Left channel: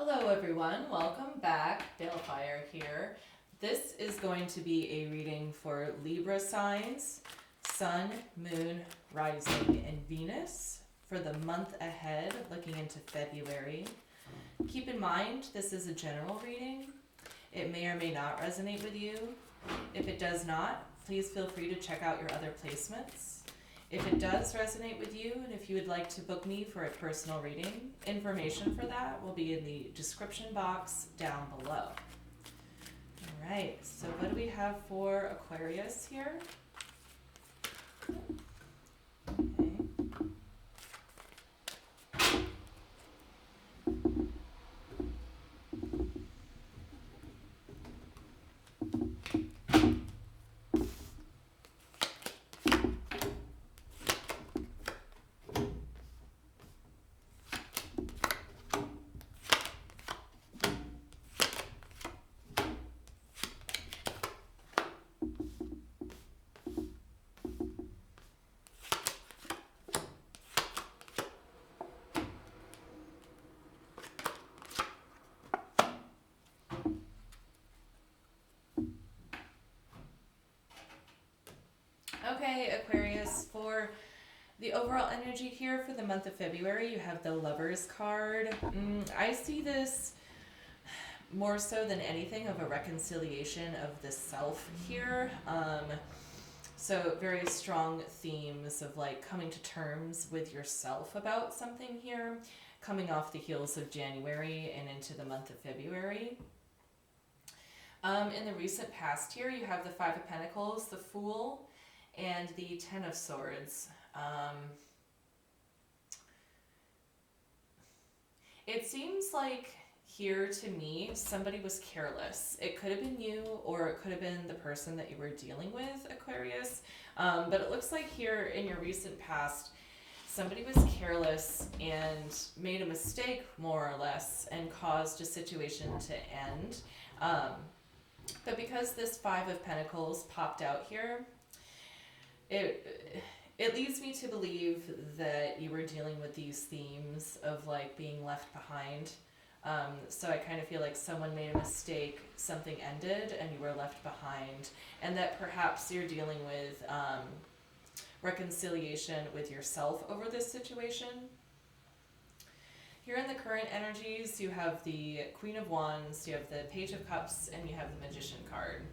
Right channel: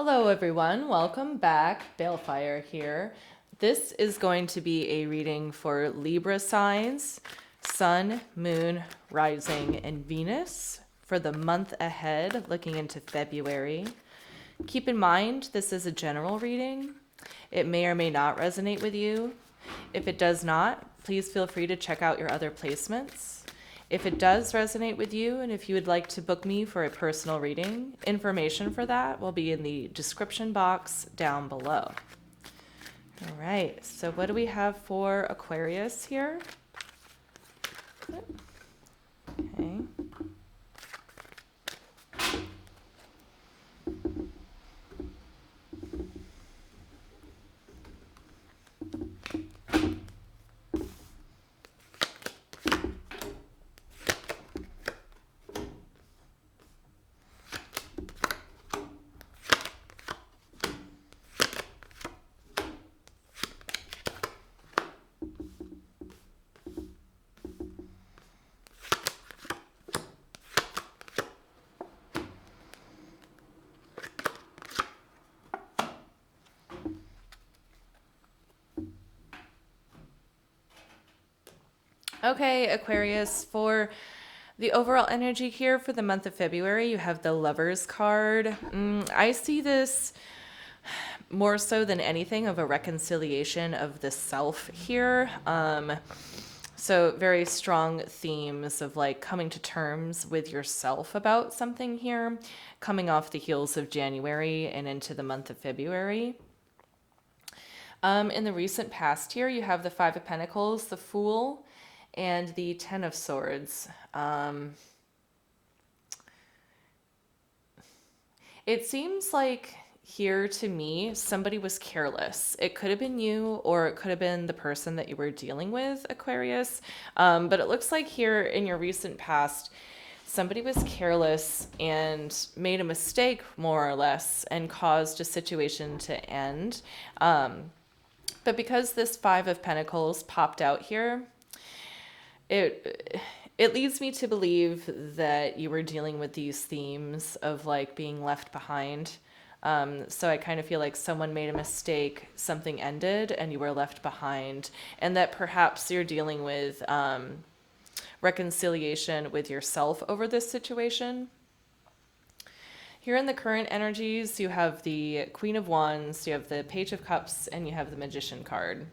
Hello everyone, welcome back. Balefire here. This is going to be a reading for Libra signs, Sun, Moon, Rising, and Venus for the month ahead, looking into February. Keep in mind, this is a general reading. It may or may not resonate with you. If it does not, please feel free to check out your other placements. If it does resonate with you, and if you would like to book me for a personal reading, information for that will be in the description box down below. All right, so what do we have for Aquarius here? Okay. Okay, Aquarius, for the overall energy here for the month of February, you have the Lovers card. I see this more so than anything of a reconciliation of the self here. So very strong themes of like coming to terms with yourself about something here, coming off the heels of January and into the month of February. In the recent past here, you have the Five of Pentacles, the Fool, and the Ten of Swords. It seems like here to me, somebody was careless. It could have been you, or it could have been the person that you were dealing with, Aquarius. But it looks like here in your recent past, somebody was careless and made a mistake, more or less, and caused a situation to end. But because this Five of Pentacles popped out here, it leads me to believe that you were dealing with these themes of like being left behind. So I kind of feel like someone made a mistake, something ended, and you were left behind, and that perhaps you're dealing with reconciliation with yourself over this situation. Here in the current energies, you have the Queen of Wands, you have the Page of Cups, and you have the Magician card.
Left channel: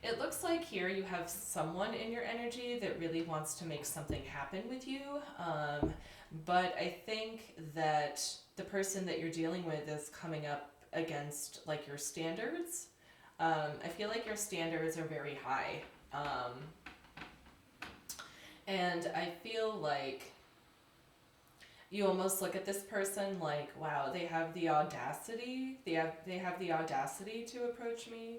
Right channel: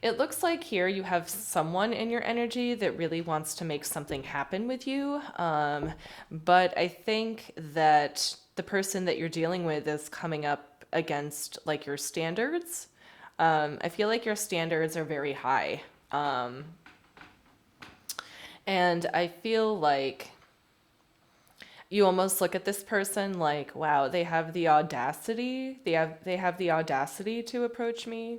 It looks like here you have someone in your energy that really wants to make something happen with you. But I think that the person that you're dealing with is coming up against like your standards. I feel like your standards are very high. And I feel like you almost look at this person like, wow, they have the audacity. They have the audacity to approach me.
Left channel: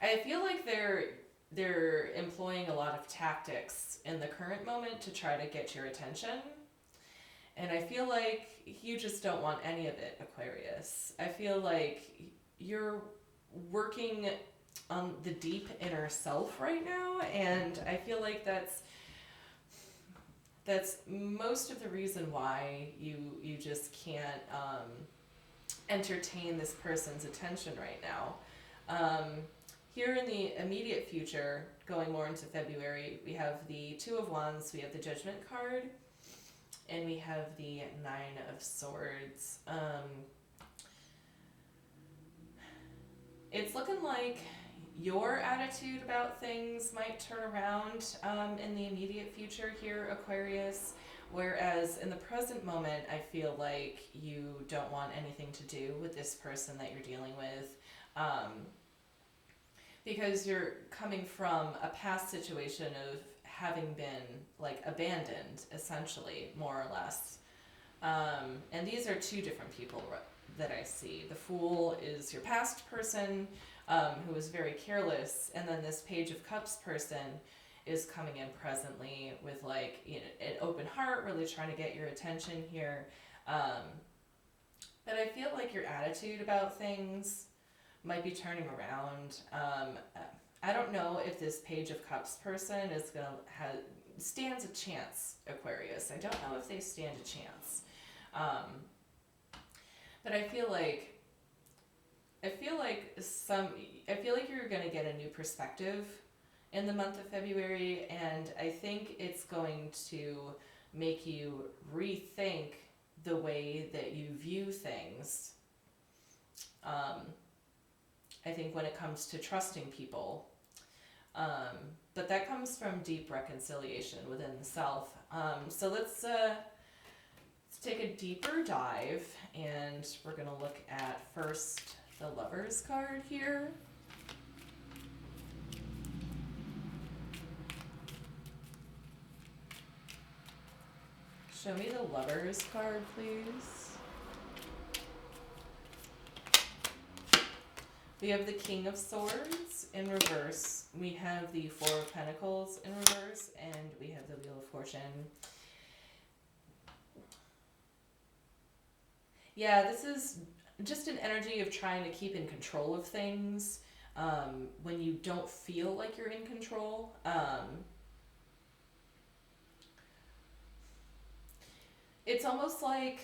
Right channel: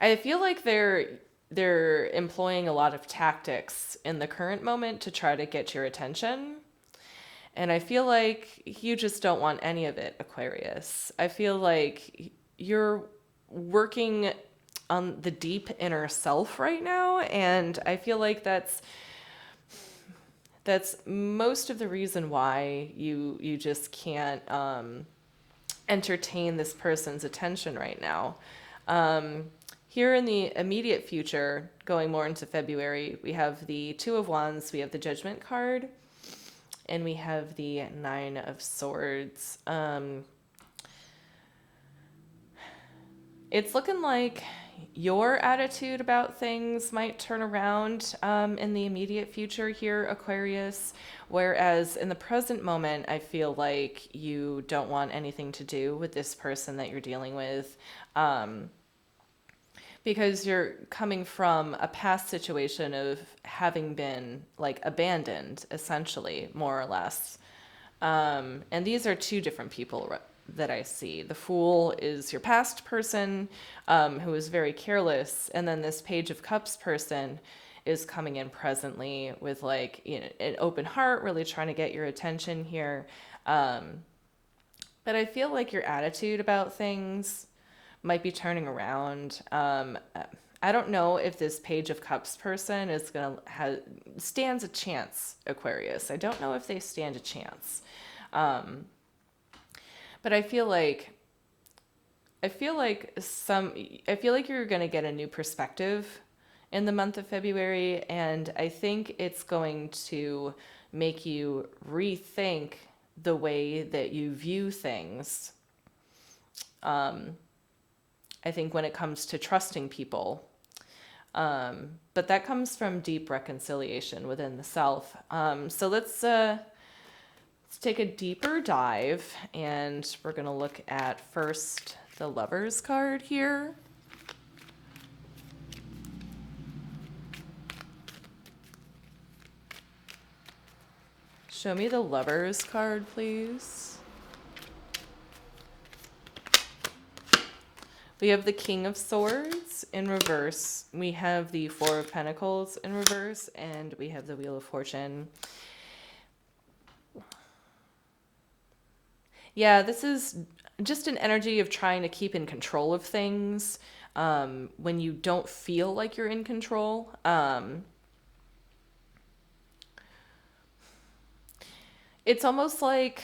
I feel like they're employing a lot of tactics in the current moment to try to get your attention. And I feel like you just don't want any of it, Aquarius. I feel like you're working on the deep inner self right now, and I feel like that's most of the reason why you just can't entertain this person's attention right now. Here in the immediate future, going more into February, we have the Two of Wands, we have the Judgment card, and we have the Nine of Swords. It's looking like your attitude about things might turn around in the immediate future here, Aquarius, whereas in the present moment, I feel like you don't want anything to do with this person that you're dealing with. Because you're coming from a past situation of having been like abandoned, essentially, more or less. And these are two different people that I see. The Fool is your past person who is very careless, and then this Page of Cups person is coming in presently with like, you know, an open heart, really trying to get your attention here. But I feel like your attitude about things might be turning around. I don't know if this Page of Cups person is gonna stands a chance, Aquarius. I don't know if they stand a chance. But I feel like you're gonna get a new perspective in the month of February, and I think it's going to make you rethink the way that you view things. I think when it comes to trusting people. But that comes from deep reconciliation within the self. So let's take a deeper dive, and we're going to look at first the Lovers card here. Show me the Lovers card, please. We have the King of Swords in reverse. We have the Four of Pentacles in reverse, and we have the Wheel of Fortune. Yeah, this is just an energy of trying to keep in control of things when you don't feel like you're in control. It's almost like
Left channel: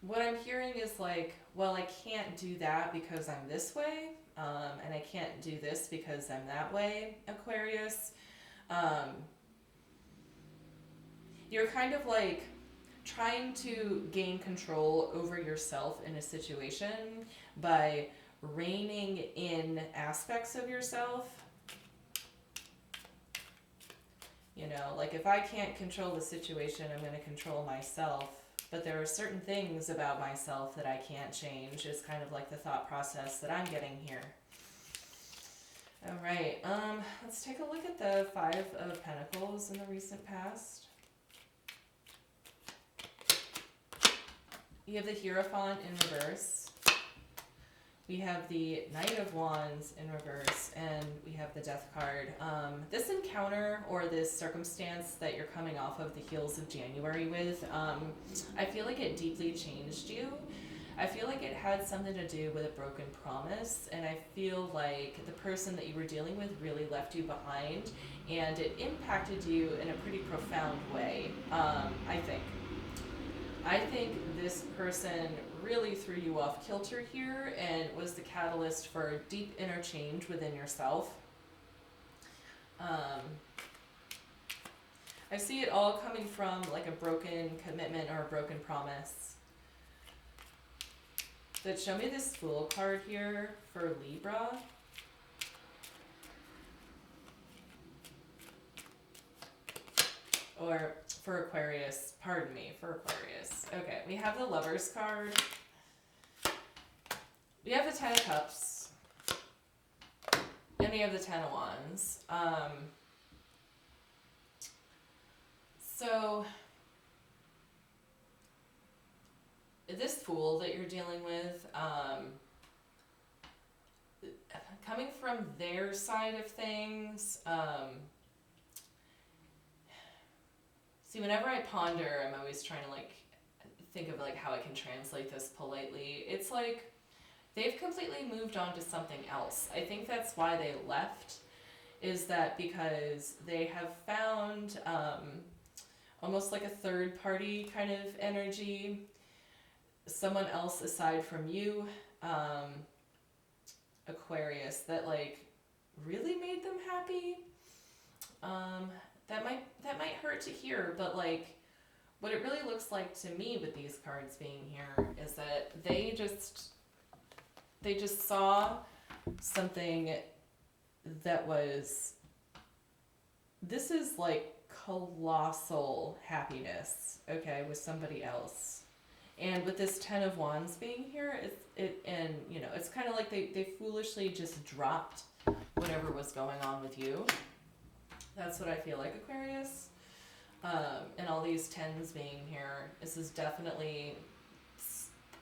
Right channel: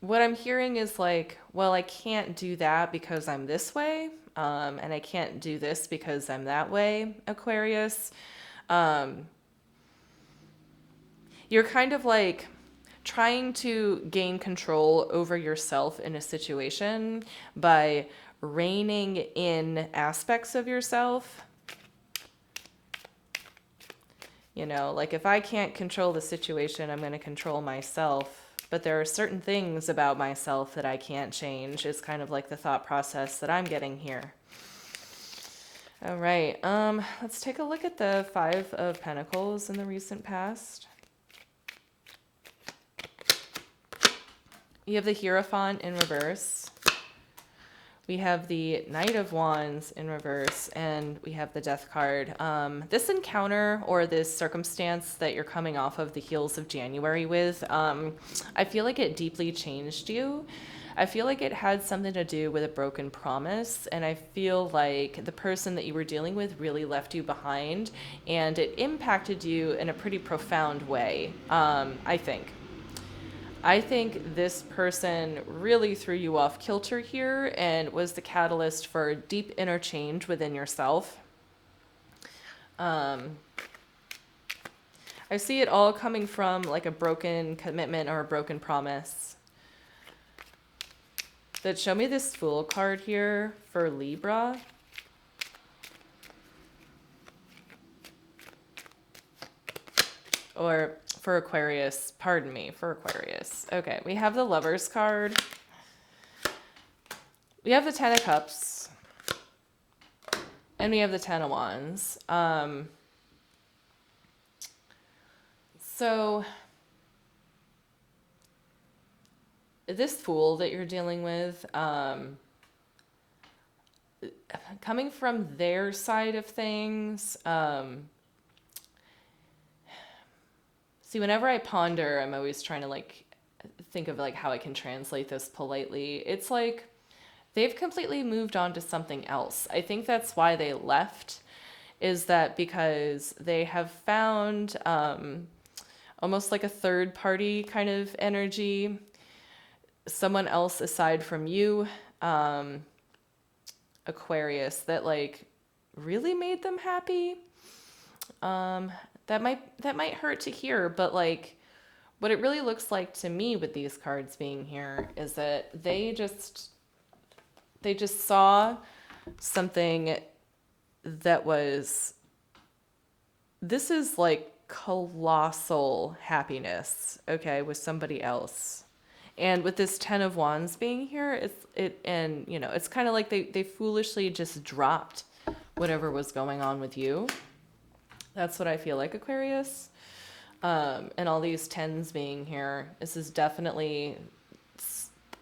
what I'm hearing is like, well, I can't do that because I'm this way, and I can't do this because I'm that way, Aquarius. You're kind of like trying to gain control over yourself in a situation by reining in aspects of yourself. You know, like if I can't control the situation, I'm going to control myself. But there are certain things about myself that I can't change. It's kind of like the thought process that I'm getting here. All right, let's take a look at the Five of Pentacles in the recent past. You have the Hierophant in reverse. We have the Knight of Wands in reverse, and we have the Death card. This encounter or this circumstance that you're coming off of the heels of January with, I feel like it deeply changed you. I feel like it had something to do with a broken promise, and I feel like the person that you were dealing with really left you behind, and it impacted you in a pretty profound way, I think this person really threw you off kilter here and was the catalyst for deep inner change within yourself. I see it all coming from like a broken commitment or a broken promise. But show me this Fool card here for Libra. Or for Aquarius, pardon me, for Aquarius. Okay, we have the Lovers card. We have the Ten of Cups. And we have the Ten of Wands. So this Fool that you're dealing with, coming from their side of things, see, whenever I ponder, I'm always trying to like think of like how I can translate this politely. It's like they've completely moved on to something else. I think that's why they left, is that because they have found almost like a third party kind of energy, someone else aside from you, Aquarius, that like really made them happy. That might hurt to hear, but like what it really looks like to me with these cards being here is that they just saw something that was, this is like colossal happiness, okay, with somebody else. And with this Ten of Wands being here, it's kind of like they foolishly just dropped whatever was going on with you. That's what I feel like, Aquarius. And all these tens being here, this is definitely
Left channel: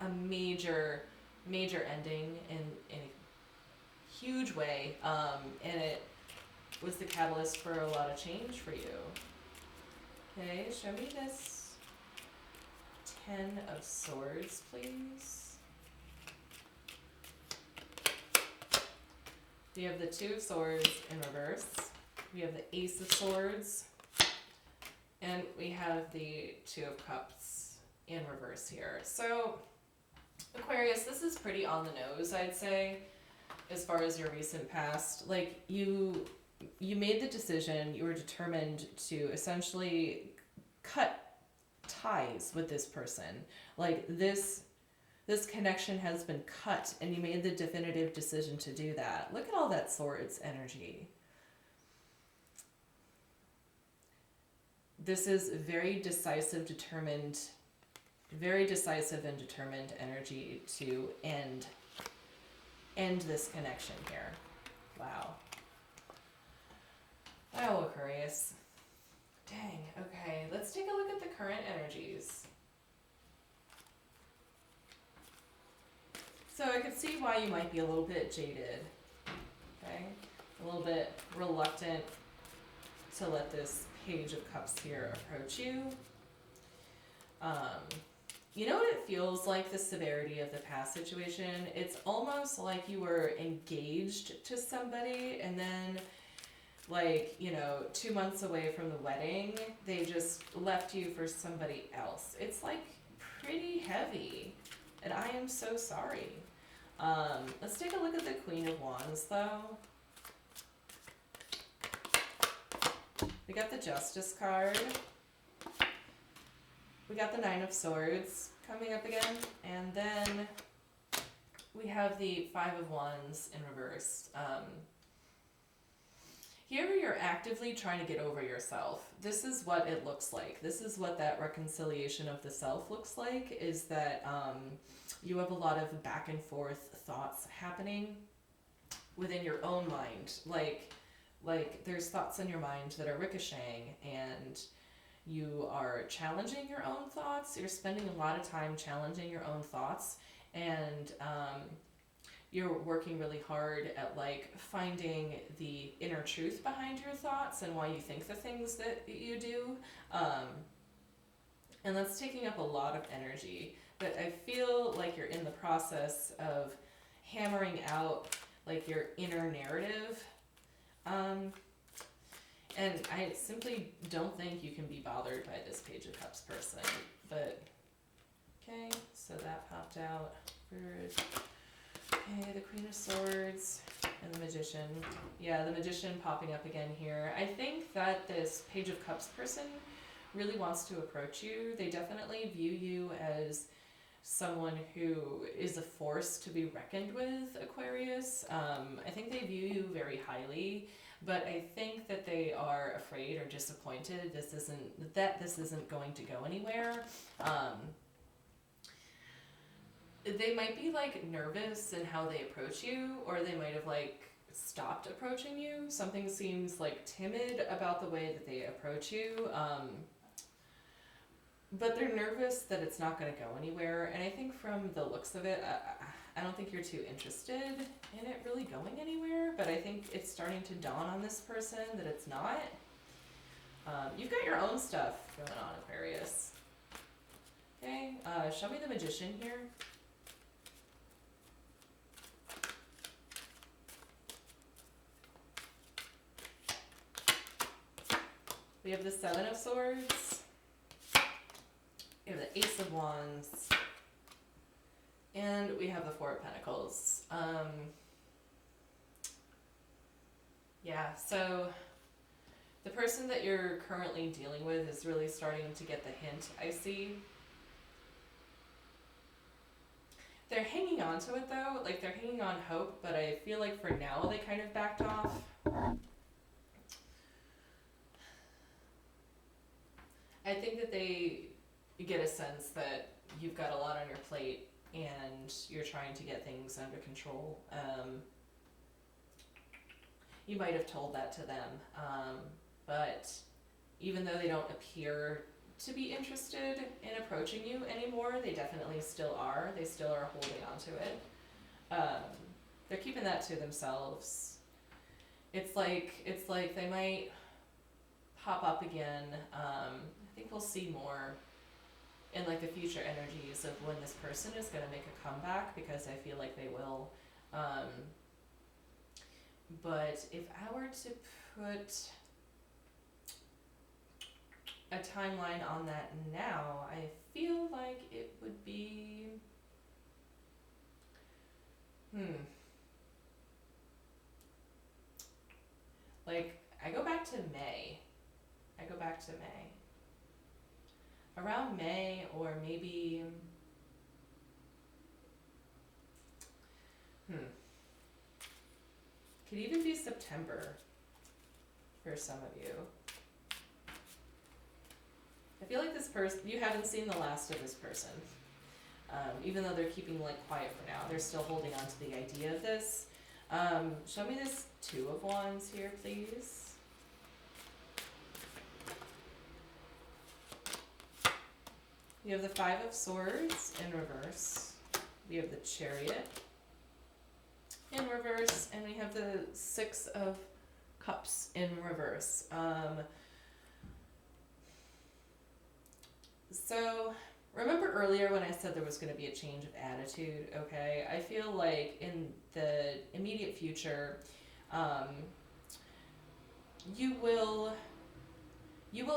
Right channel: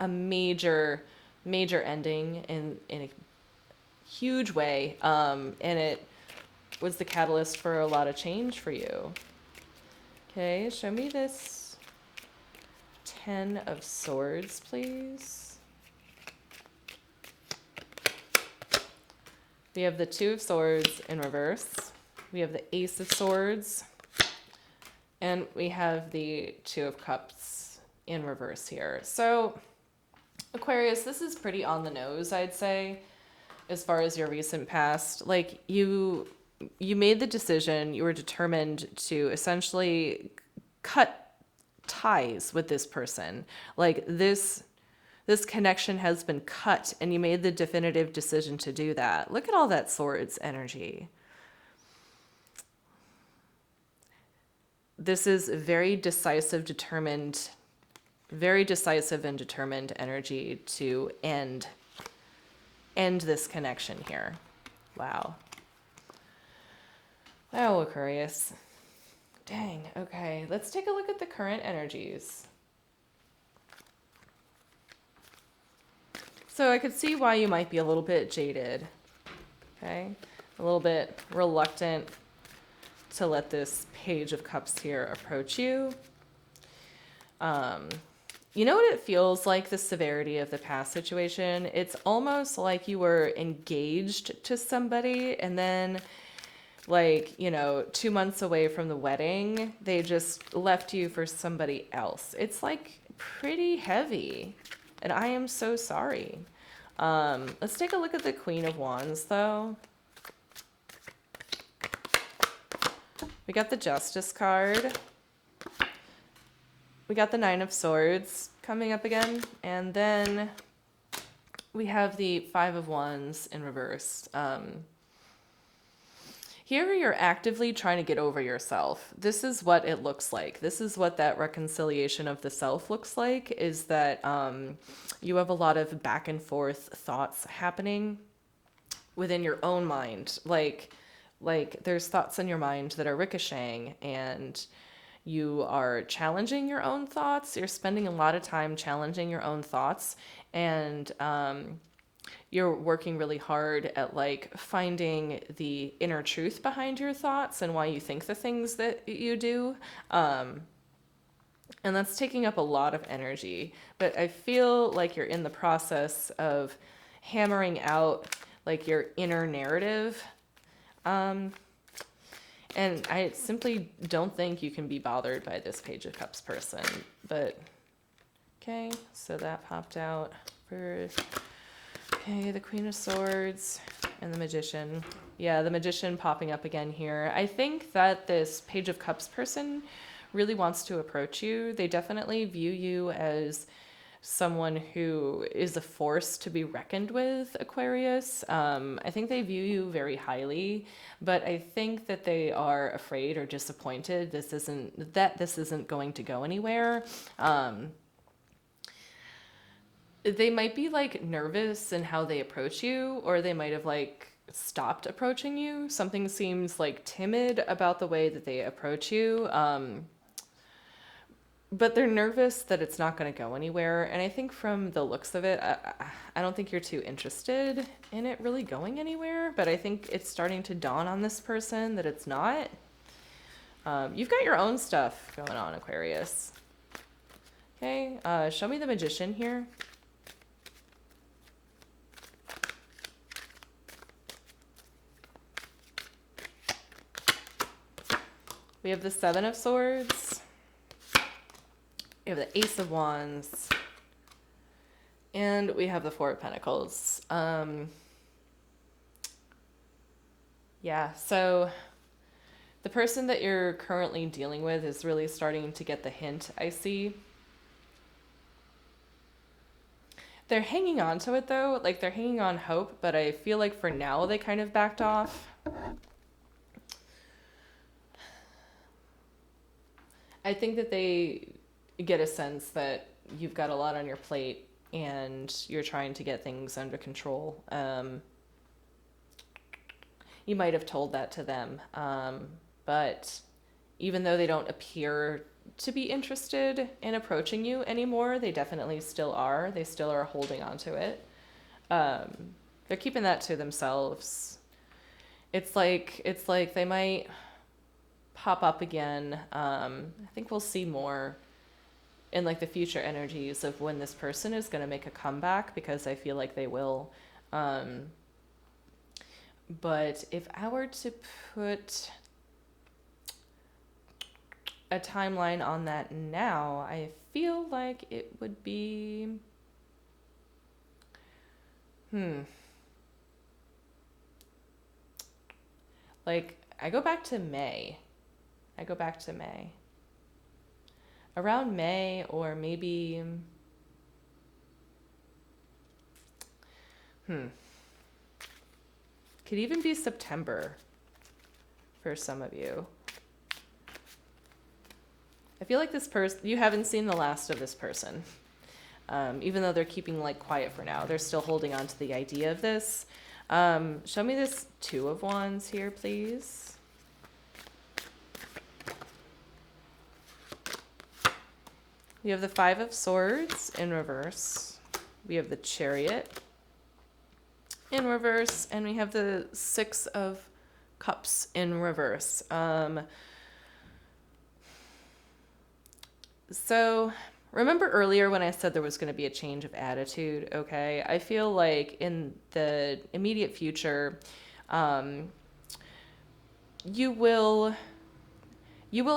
a major ending in a huge way. And it was the catalyst for a lot of change for you. Okay, show me this Ten of Swords, please. We have the Two of Swords in reverse. We have the Ace of Swords. And we have the Two of Cups in reverse here. So, Aquarius, this is pretty on the nose, I'd say, as far as your recent past. Like, you made the decision, you were determined to essentially cut ties with this person. Like, this connection has been cut, and you made the definitive decision to do that. Look at all that swords energy. This is very decisive and determined energy to end this connection here. Wow. Oh, Aquarius. Dang, okay. Let's take a look at the current energies. So I could see why you might be a little bit jaded, okay? A little bit reluctant to let this Page of Cups here approach you. You know what it feels like, the severity of the past situation? It's almost like you were engaged to somebody and then, like, 2 months away from the wedding, they just left you for somebody else. It's like pretty heavy. And I am so sorry. Let's take a look at the Queen of Wands, though. We got the Justice card. We got the Nine of Swords coming up again. And then we have the Five of Wands in reverse. Here you're actively trying to get over yourself. This is what it looks like. This is what that reconciliation of the self looks like, is that you have a lot of back and forth thoughts happening within your own mind. Like there's thoughts in your mind that are ricocheting, and you are challenging your own thoughts. You're spending a lot of time challenging your own thoughts, and you're working really hard at finding the inner truth behind your thoughts and why you think the things that you do. And that's taking up a lot of energy. But I feel like you're in the process of hammering out your inner narrative. And I simply don't think you can be bothered by this Page of Cups person. But, okay, so that popped out for... Okay, the Queen of Swords and the Magician. Yeah, the Magician popping up again here. I think that this Page of Cups person really wants to approach you. They definitely view you as someone who is a force to be reckoned with, Aquarius. I think they view you very highly, but I think that they are afraid or disappointed this isn't going to go anywhere. They might be nervous in how they approach you, or they might have stopped approaching you. Something seems timid about the way that they approach you. But they're nervous that it's not going to go anywhere. And I think from the looks of it, I don't think you're too interested in it really going anywhere. But I think it's starting to dawn on this person that it's not. You've got your own stuff going on, Aquarius. Okay, show me the Magician here. We have the Seven of Swords. We have the Ace of Wands. And we have the Four of Pentacles. Yeah, so the person that you're currently dealing with is really starting to get the hint, I see. They're hanging on to it, though. They're hanging on hope, but I feel like for now they kind of backed off. I think that they get a sense that you've got a lot on your plate and you're trying to get things under control. You might have told that to them, but even though they don't appear to be interested in approaching you anymore, they definitely still are. They still are holding on to it. They're keeping that to themselves. It's like they might pop up again. I think we'll see more in the future energies of when this person is going to make a comeback, because I feel like they will. But if I were to put a timeline on that now, I feel like it would be, like, I go back to May. Around May, or maybe, could even be September for some of you. I feel like this person, you haven't seen the last of this person. Even though they're keeping like quiet for now, they're still holding on to the idea of this. Show me this Two of Wands here, please. We have the Five of Swords in reverse. We have the Chariot in reverse, and we have the Six of Cups in reverse. So remember earlier when I said there was going to be a change of attitude, okay? I feel like in the immediate future, you will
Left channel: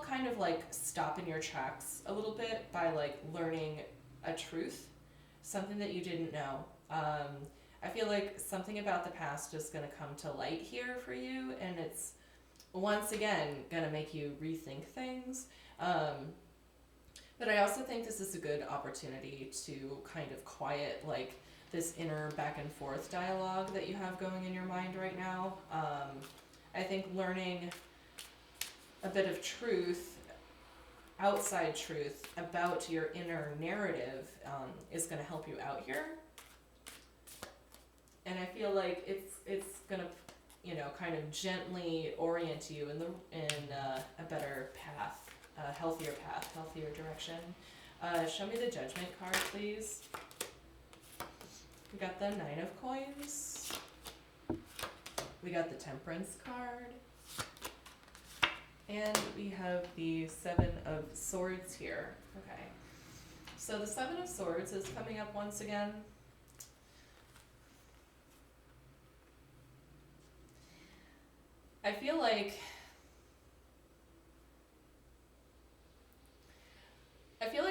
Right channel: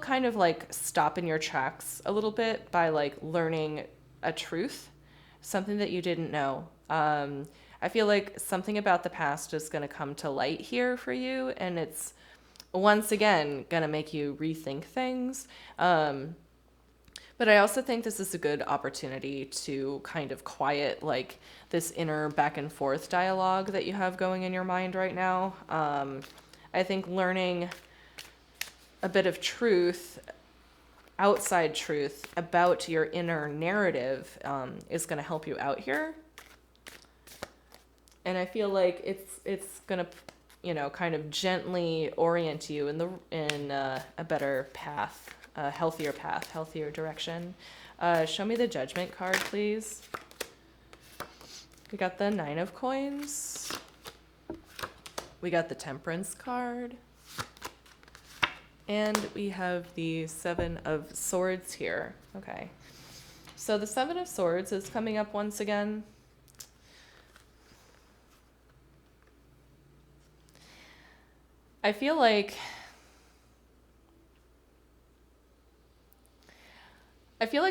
kind of like stop in your tracks a little bit by like learning a truth, something that you didn't know. I feel like something about the past is going to come to light here for you, and it's once again going to make you rethink things. But I also think this is a good opportunity to kind of quiet like this inner back and forth dialogue that you have going in your mind right now. I think learning a bit of truth, outside truth about your inner narrative is going to help you out here. And I feel like it's going to, kind of gently orient you in a better path. A healthier path, healthier direction. Show me the Judgment card, please. We got the Nine of Coins. We got the Temperance card. And we have the Seven of Swords here. Okay. So the Seven of Swords is coming up once again. I feel like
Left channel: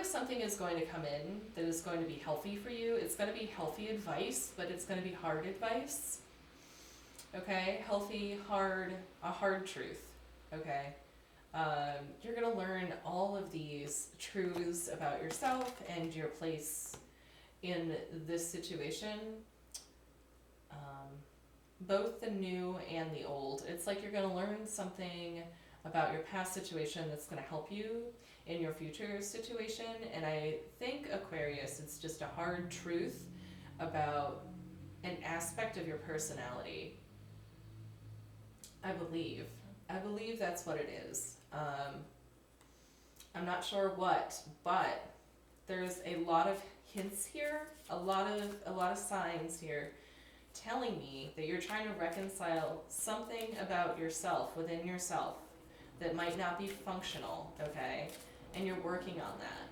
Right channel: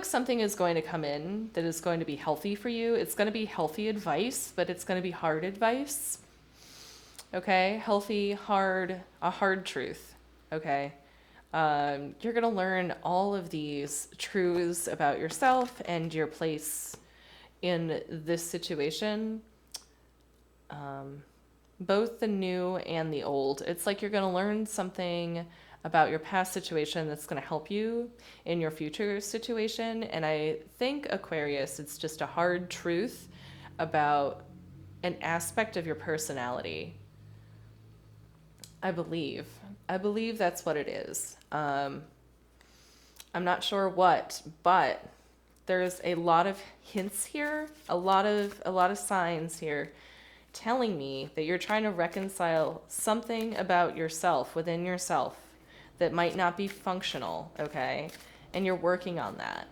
something is going to come in that is going to be healthy for you. It's going to be healthy advice, but it's going to be hard advice. Okay? Healthy, a hard truth. Okay? You're going to learn all of these truths about yourself and your place in this situation. Both the new and the old. It's like you're going to learn something about your past situation that's going to help you in your future situation. And I think, Aquarius, it's just a hard truth about an aspect of your personality. I believe that's what it is. I'm not sure what, but there's a lot of hints here, a lot of signs here telling me that you're trying to reconcile something about yourself, within yourself, that might not be functional, okay? And you're working on that.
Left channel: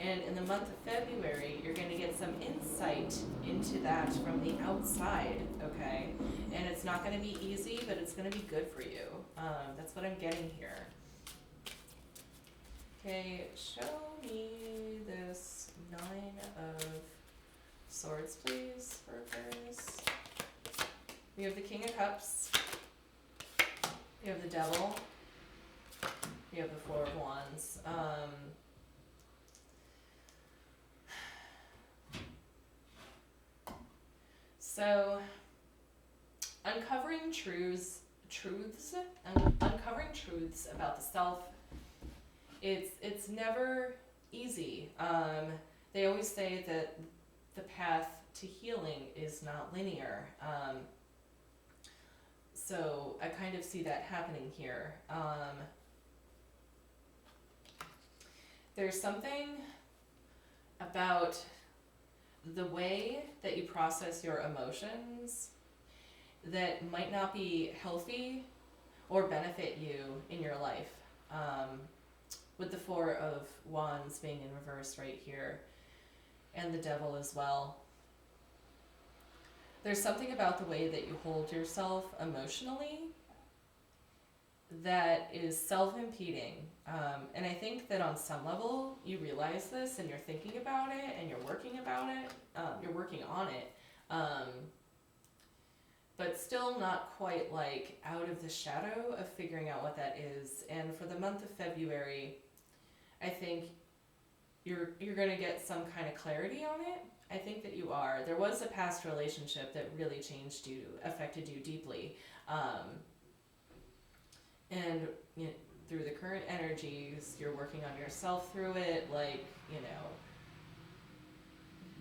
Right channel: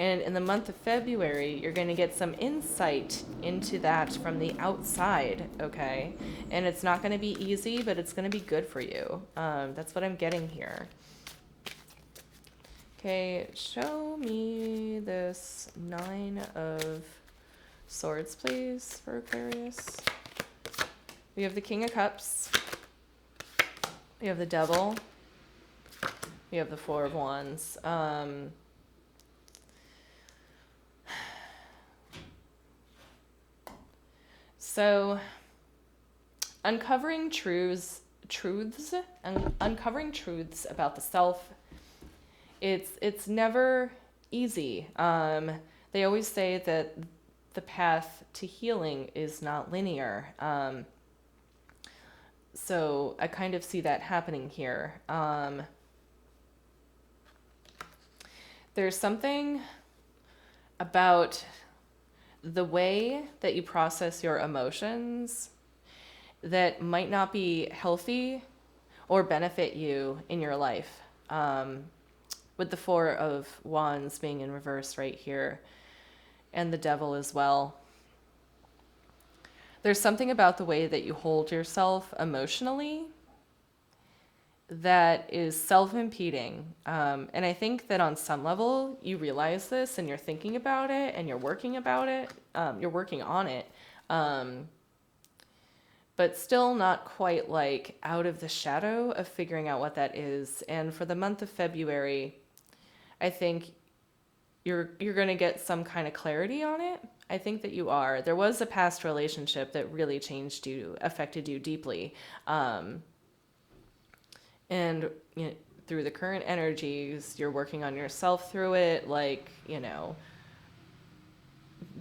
And in the month of February, you're going to get some insight into that from the outside, okay? And it's not going to be easy, but it's going to be good for you. That's what I'm getting here. Okay, show me this Nine of Swords, please, for Aquarius. We have the King of Cups. We have the Devil. We have the Four of Wands. So, uncovering truths about the self, it's never easy. They always say that the path to healing is not linear. So I kind of see that happening here. There's something about the way that you process your emotions that might not be healthy or benefit you in your life. With the Four of Wands being in reverse right here, and the Devil as well. There's something about the way that you hold yourself emotionally that is self-impeding. And I think that on some level you realize this and you're thinking about it and you're working about it. You're working on it. But still not quite like out of the shadow of figuring out what that is. And for the month of February, I think you're going to get some kind of clarity on it. I think that you are. There was a past relationship that really changed you, affected you deeply. And you know, through the current energies, you're working on yourself through it, like, you know,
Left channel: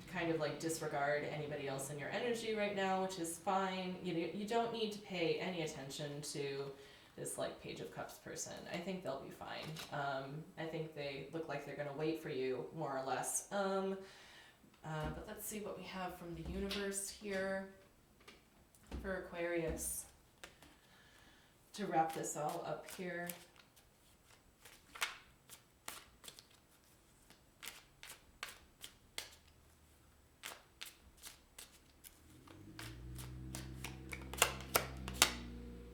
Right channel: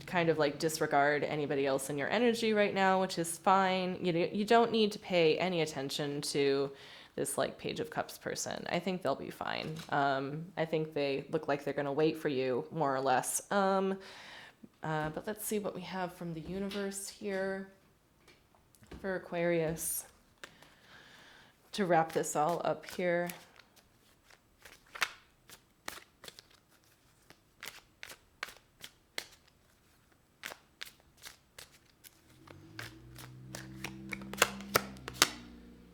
kind of like disregard anybody else in your energy right now, which is fine. You don't need to pay any attention to this like Page of Cups person. I think they'll be fine. I think they look like they're gonna wait for you, more or less. But let's see what we have from the universe here for Aquarius to wrap this all up here.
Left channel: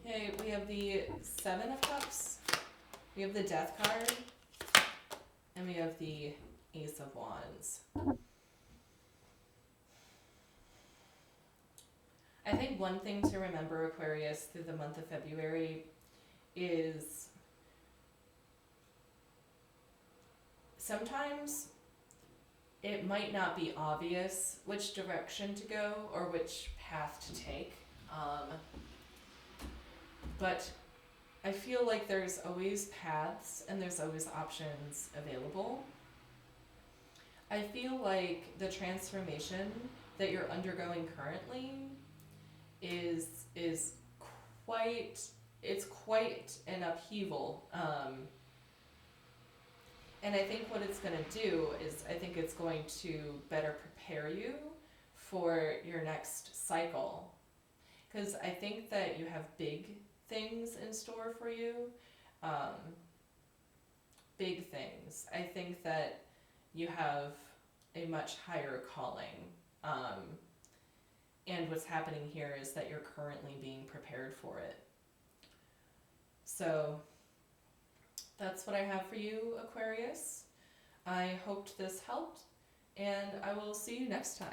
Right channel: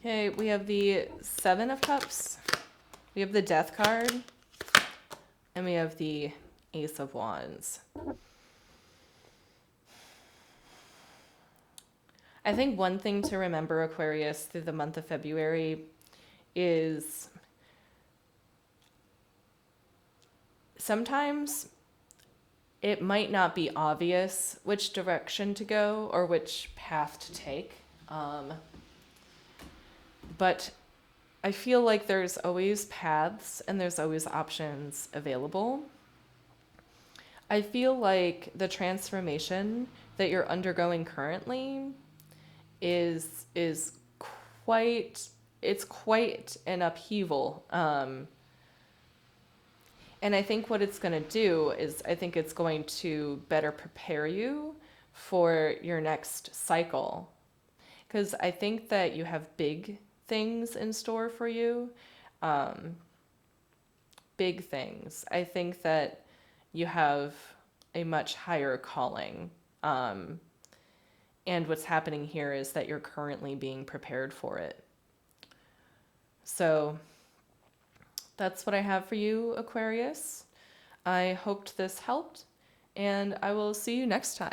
Okay, we have the Seven of Cups, we have the Death card, and we have the Ace of Wands. I think one thing to remember, Aquarius, through the month of February is sometimes it might not be obvious which direction to go or which path to take. But I feel like there's always paths and there's always options available. I feel like the transformation that you're undergoing currently is quite an upheaval. And I think what it's going to do is I think it's going to better prepare you for your next cycle. Because I think that you have big things in store for you. Big things. I think that you have a much higher calling. And what's happening here is that you're currently being prepared for it. So that's what I have for you, Aquarius. I hoped this helped, and I will see you next time.